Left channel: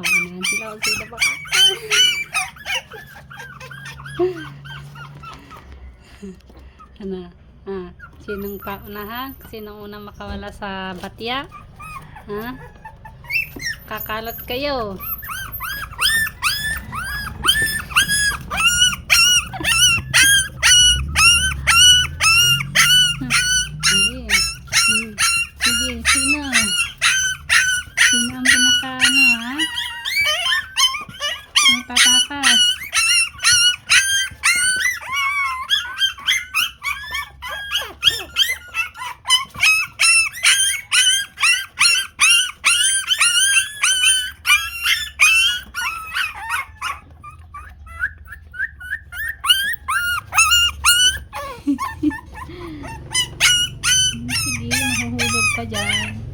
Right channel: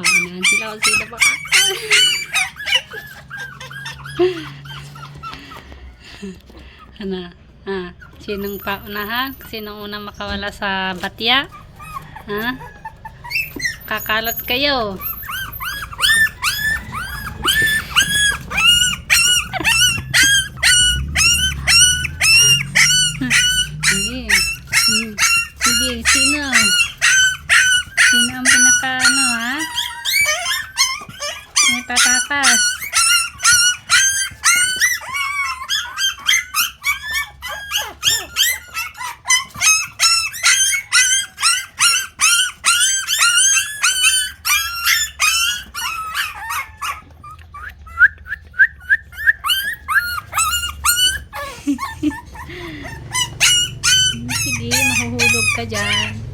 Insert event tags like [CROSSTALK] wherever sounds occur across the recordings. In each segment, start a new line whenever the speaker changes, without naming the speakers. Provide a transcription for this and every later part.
Oh, unahan sila kung sino baka. ano? Ah, sinong paunahan? Sinong unang makawala sa batya? Ha? Kakalot kayo. Sige. Hmm. Sige, sino? Sino ang pinaka ano ha? Sino tatakas? Hmm, [LAUGHS] Sige, mahuhulog ka dyan.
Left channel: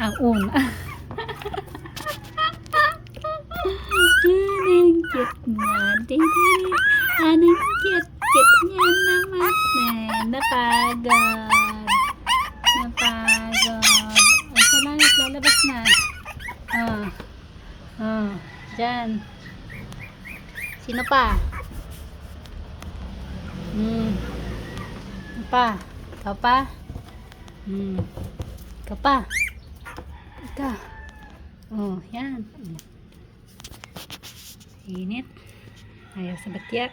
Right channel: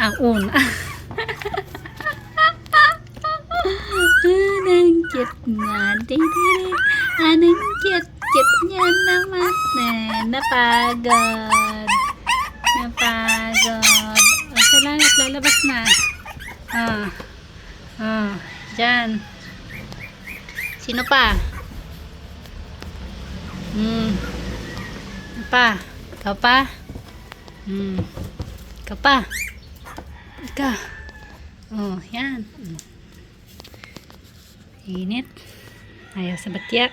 Ang una. Anong cute na. Anong cute. Cute niya naman. Eh, napagod. Napagod. O, salamat. Lalabas na. Ah. Ah. Diyan. Sino pa? Hmm. Pa? Ikaw pa? Hmm. Ikaw pa? Ikaw. Oh, yan. Init. Ayaw sa batya.